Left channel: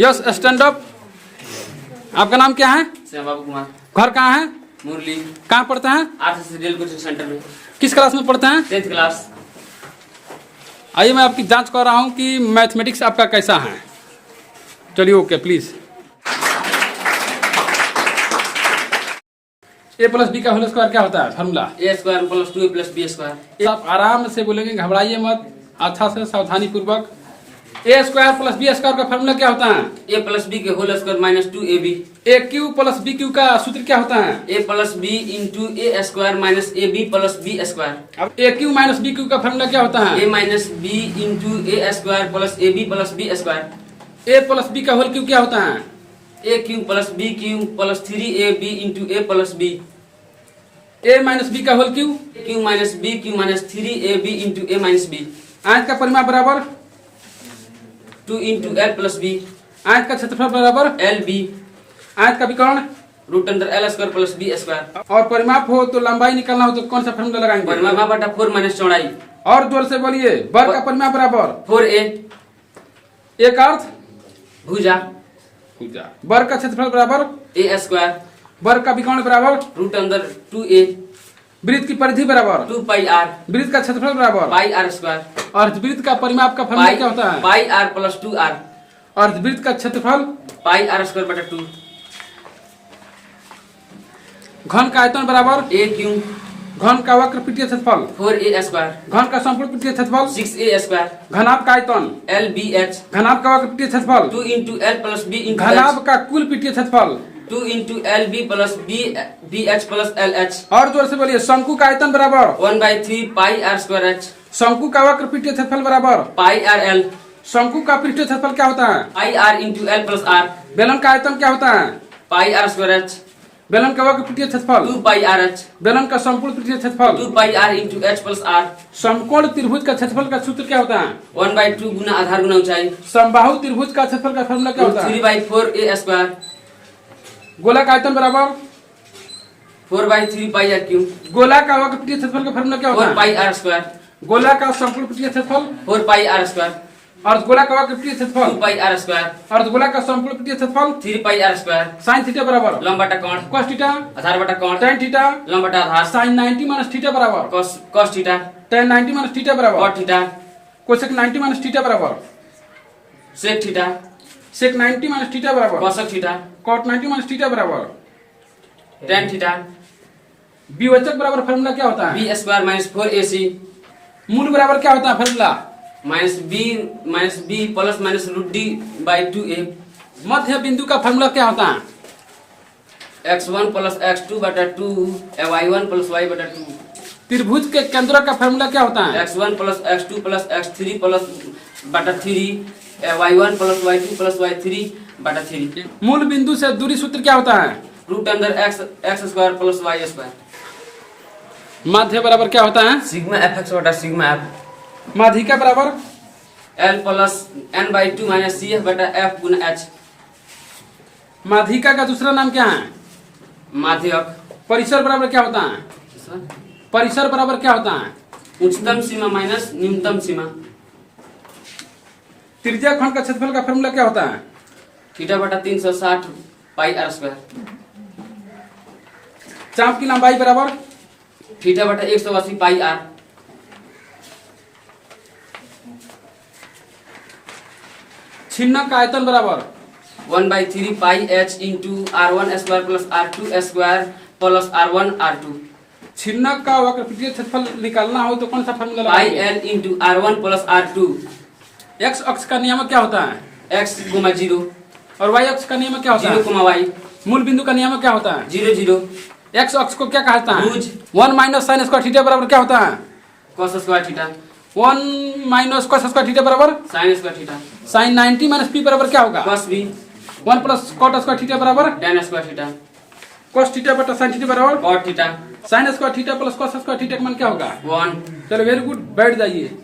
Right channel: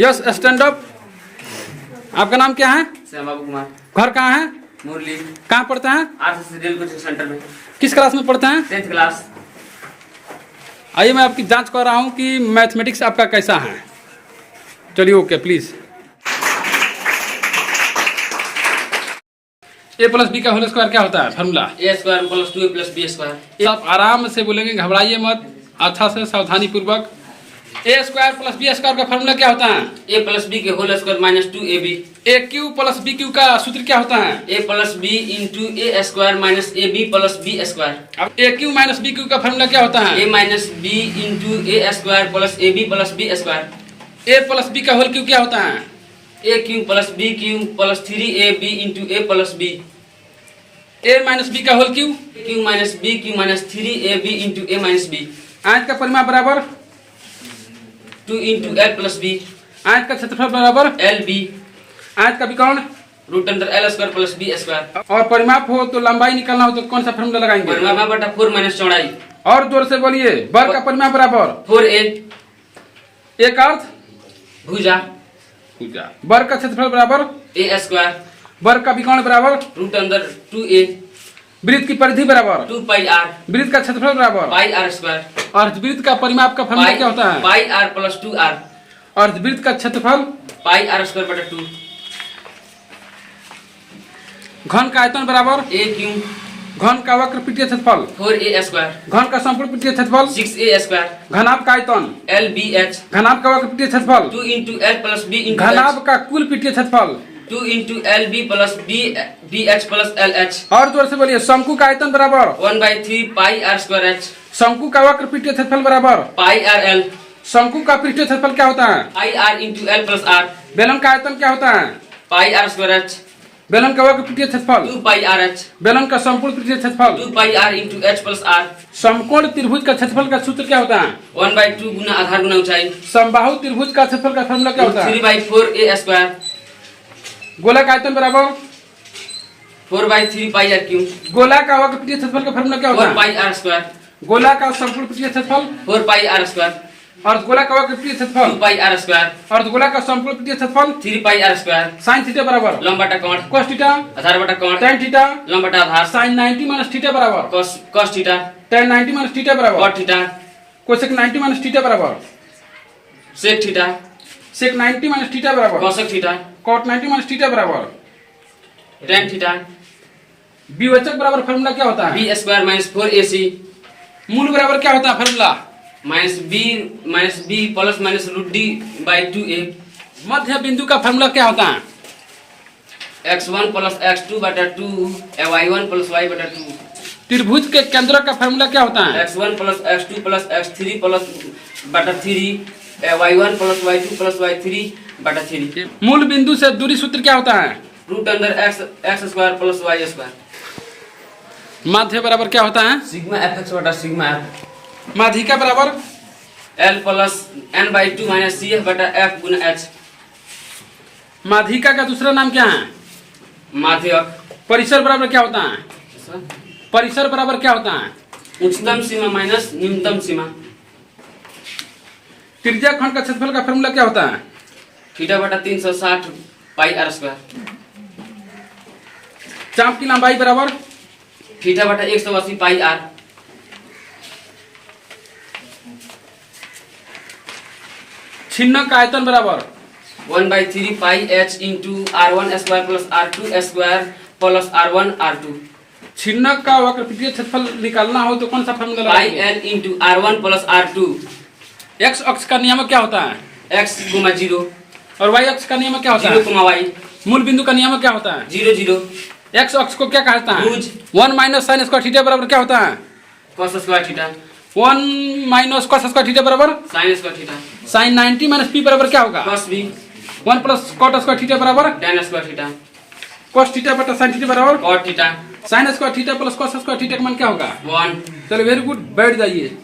Yes stand up. आपका नाम क्या है? श्याम बाबू कुमार। घर कहाँ है? मुरली। कहाँ पढ़ते हैं? आर्ट्स कोचिंग सेंटर में। किस क्लास में पढ़ते हैं? 10th class. आइए मैं आपकी जांच कर रहा हूँ कि मैथमेटिक्स आपका कैसा है। चलिए okay please. A plus B का होल स्क्वायर क्या होता है? Formula A square plus 2 plus B square. आप आराम से बोलेंगे, घबराइए मत, अच्छा से सावधानी पूर्वक। A square plus B square का फॉर्मूला क्या होता है? ए प्लस बी के whole square minus 2ab। A cube plus B cube का सूत्र क्या होता है? A plus B into A square minus A B plus B square. अब A cube minus B cube का फॉर्मूला क्या होता है? A minus B into A square plus A B plus B square. A plus B का whole cube क्या होता है? A cube plus B cube plus 3ab into A plus B. A minus B का whole cube? Cube minus B cube minus 3ab into A minus B. आयत का परिमाप बराबर 2 into L plus B. आयत का क्षेत्रफल बराबर एल बी। आयत का विकर्ण root under L square plus B square. और परिमाप हो तो लंबाई निकालना हो तो कौन सा फॉर्मूला लगाएंगे? परिमाप बटा 4 माइनस चौड़ाई। और जोर से बोलिए। वर्ग का परिमाप बराबर 4a। एक अर्थ भुजा। वर्ग का क्षेत्रफल बराबर ए स्क्वायर। वर्ग का विकर्ण बराबर रूट अंदर 2a। वृत्त की परिधि बराबर 2 पाई आर। वृत्त का क्षेत्रफल बराबर पाई आर स्क्वायर। अर्धवृत्त का परिमाप का फॉर्मूला क्या होता है? Pi are plus 2 are. अर्धवृत्त का क्षेत्रफल पाई आर स्क्वायर बटा 2। घन का आयतन बराबर ए क्यू। घन का वक्र पीठीय क्षेत्रफल 4a स्क्वायर। घन का संपूर्ण पीठीय क्षेत्रफल 6a स्क्वायर। घनाभ का आयतन एल बी एच। घनाभ का वक्र पीठीय क्षेत्रफल 2 into L plus B into घनाभ का कुल पीठीय क्षेत्रफल 2 into L B plus B H plus L H. और जोर से बोलिए। शंकु का आयतन बराबर 1/3 पाई आर स्क्वायर एच। शंकु का वक्र पीठीय क्षेत्रफल बराबर पाई आर एल। शंकु का पृष्ठीय क्षेत्रफल क्या होता है? Pi R into L plus R. बेलन का आयतन क्या होता है? Pi R square H. बेलन का वक्र पीठीय क्षेत्रफल 2 पाई आर एच। बेलन का संपूर्ण पीठीय क्षेत्रफल 2 pi R into H plus R. समकोण त्रिभुज का क्षेत्रफल का सूत्र क्या होता है? 1/2 गुना आधार गुना ऊंचाई। समबाहु त्रिभुज का क्षेत्रफल का फॉर्मूला क्या होता है? 3/4 ए स्क्वायर। गोला का आयतन बराबर 4/3 पाई आर क्यू। गोला का वक्र पीठीय क्षेत्रफल का फॉर्मूला क्या होता 4 है? Pi R square. गोला का संपूर्ण पीठीय क्षेत्रफल 4 पाई आर स्क्वायर। और गोला का वक्र पीठीय 2 क्षेत्रफल पाई आर स्क्वायर। और गोला का संपूर्ण पीठीय क्षेत्रफल 3 पाई आर स्क्वायर। sin थीटा बराबर लंब बटा कोण। cos थीटा आधार बटा कोण। tan थीटा लंब बटा आधार। sin 90 माइनस थीटा बराबर cos theta. tan 90 minus theta बराबर cot theta. cosec 90 minus theta बराबर sec theta. sec 90 minus theta बराबर cosec theta. cot 90 minus theta बराबर tan थीटा। विवेचक बराबर फॉर्मूला क्या होता है? b square minus 4ac। मूल बराबर क्या होता है फॉर्मूला? Minus B plus minus root D by 2a। मध्य बिंदु का फॉर्मूला क्या होता है? x1 प्लस x2 बटा 2 y1 प्लस y बटा 2। त्रिभुज के केंद्र का फॉर्मूला क्या होता है? x1 plus x2 plus x3 plus बटा 3 y1 plus y2 plus y3 बटा 3। मूल बिंदु से दूरी सूत्र क्या होता है? रूट अंदर x square plus y square. माध्य बराबर क्या होता है? सिग्मा fx बटा सिग्मा f। माध्यिका बराबर l plus n/2 minus cf बटा f गुना h। माध्यिका का दूसरा नाम क्या है? माध्यक। परिसर बराबर क्या होता है? परिसर बराबर क्या होता है? उच्चतम सीमा माइनस न्यूनतम सीमा। त्रिज्या खंड का क्षेत्रफल का फॉर्मूला क्या होता है? थीटा बटा 360 पाई आर स्क्वायर। चाप की लंबाई बराबर थीटा बटा 180 पाई आर। छिन्नक का आयतन बराबर 1/3 पाई h into r1 square plus r2 square plus r1 r2। छिन्नक का वक्र पीठीय क्षेत्रफल निकालना हो तो कौन सा फॉर्मूला पाई लगाएंगे? l into r1 plus r2। X अक्ष का नियम क्या होता है? x, 0 और वाई अक्ष का नियम क्या होता है? 0, y मूल बिंदु का नियम क्या होता है? 0 0। एक्स अक्ष को क्या कहता है? भुज। 1 माइनस साइन स्क्वायर थीटा बराबर क्या होता है? cos square theta. 1 minus cos square theta बराबर sin square theta. sin 90 minus p बराबर क्या होगा? cos b। 1 plus cot square theta बराबर tan square theta. cos theta बटा sin थीटा बराबर cot theta. sin square theta plus cos square theta का मान क्या होगा? 1। चलो वेरी गुड, बैठ जाइए।